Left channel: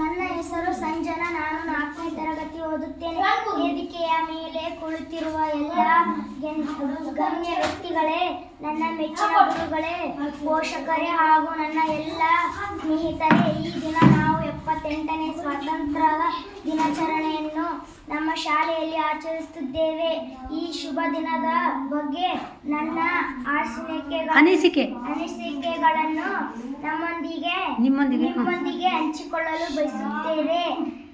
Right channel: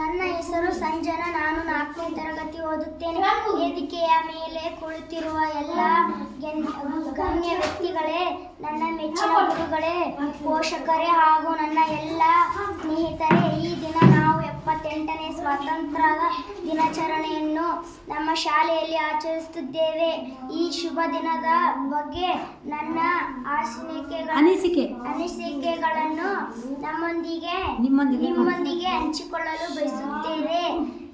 ನನ್ನ ಹೆಸರು ಸಂಜನಾ. ನಾನು 4ನೇ ತರಗತಿ ಓದುತ್ತೇನೆ. ವೇದಿಕೆಯ ಮೇಲೆ ಕುಳಿತಿರುವ ಎಲ್ಲ ಗಣ್ಯ ವ್ಯಕ್ತಿಗಳೇ, ನನ್ನ ಮೆಚ್ಚಿನ ಗುರುಗಳೇ, ಪೋಷಕರೇ ಹಾಗೂ ನನ್ನ ಎಲ್ಲ ಸ್ನೇಹಿತರೇ, ಈ ದಿನ ನಾವು 78ನೇ ಸ್ವಾತಂತ್ರ್ಯ ದಿನಾಚರಣೆಯನ್ನು ನಮ್ಮ ಶಾಲೆಯಲ್ಲಿ ಆಚರಿಸುತ್ತಿದ್ದೇವೆ. ಈ ಶುಭ ದಿನದ ಬಗ್ಗೆ ನನ್ನ ಅನಿಸಿಕೆಗಳನ್ನು ನಿಮ್ಮೊಂದಿಗೆ ಹಂಚಿಕೊಳ್ಳಲು ಬಯಸುತ್ತೇನೆ.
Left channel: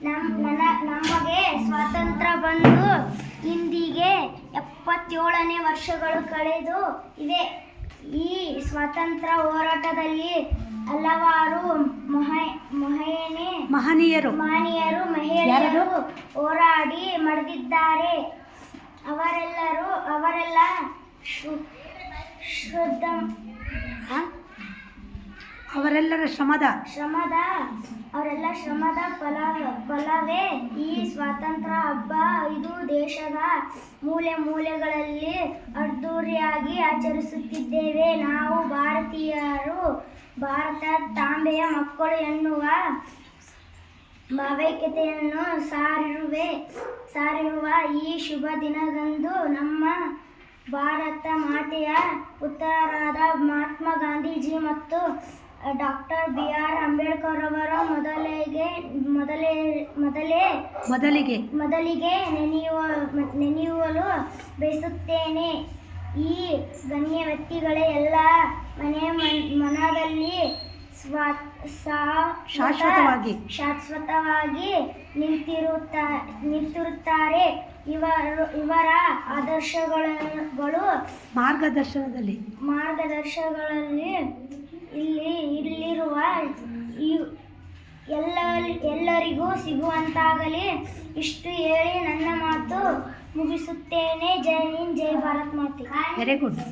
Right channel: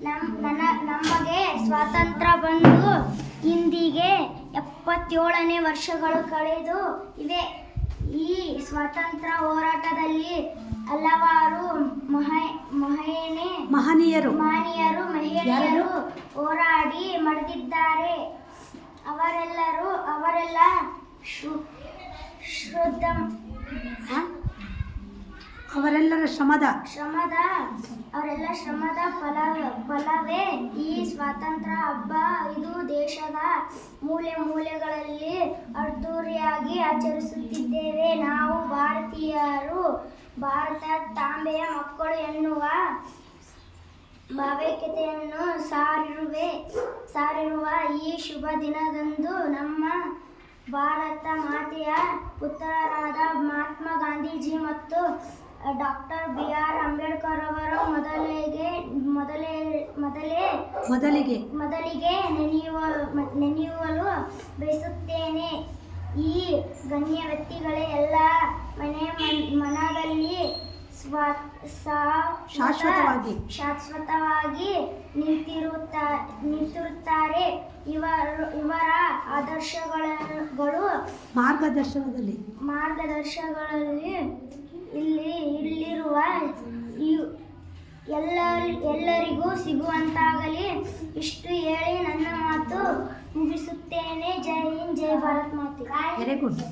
ನಮಗೆ ಸ್ವಾತಂತ್ರ್ಯ ಬಂದು ಇಂದಿಗೆ 77ನೇ ವರ್ಷಗಳು ಕಳೆದು ಇವೆ. ಈ ಸ್ವಾತಂತ್ರ್ಯ ಹೋರಾಟದಲ್ಲಿ ಹಲವಾರು ಮಹನೀಯರು ಮಹಿಳೆಯರು ಹೋರಾಡಿ ಮಡಿದಿದ್ದಾರೆ. ಅವರೆಲ್ಲ ಅವರೆಲ್ಲರ ಶ್ರಮದ ಫಲವೇ ಈ ಸ್ವಾತಂತ್ರ್ಯ ಹಬ್ಬ. ಇದು ದೇಶದ ಮೂಲೆ ಮೂಲೆಗಳಲ್ಲಿ ಅದ್ದೂರಿಯಾಗಿ ಆಚರಿಸುತ್ತಿದ್ದೇವೆ. ನಾವು ಭಾರತೀಯರು ಭಾರತ ತಾಂಬೆಯ ಮಕ್ಕಳು ಎನ್ನುವ ಭಾವೈಕ್ಯತೆಯನ್ನು ಸಾರಿರುವ ಈ ಶುಭ ದಿನದಂದು ನಮ್ಮ ಭಾರತ ಮಾತೆಯ ಪುತ್ರರಾದ ಮಹಾತ್ಮ ಗಾಂಧೀಜಿ ಮತ್ತು ಡಾಕ್ಟರ್ BR ಅಂಬೇಡ್ಕರ್ ಅವರ ಮೊದಲಿಗೆ ನೆನೆಯಲು ಬಯಸುತ್ತೇನೆ. ಈ ಗಣ್ಯ ವ್ಯಕ್ತಿಗಳೇ ಎಲ್ಲ ಮನದಲ್ಲಿ ಶಾಶ್ವತವಾಗಿ ನಿಂತಿರುತ್ತಾರೆ. ಇವರ ಆದರ್ಶಗಳು ಮಾರ್ಗದರ್ಶನಗಳಲ್ಲಿ ಇಲ್ಲಿರುವ ಎಲ್ಲರಿಗೂ ಸಿಗುವಂತಾಗಲಿ. ಇಷ್ಟು ಹೇಳಿ ನನ್ನ ಮಾತು ಮುಗಿಸುತ್ತೇನೆ. ಜೈ ಹಿಂದ್, ಜೈ ಭಾರತ್ ಮಾತೆ. Very good.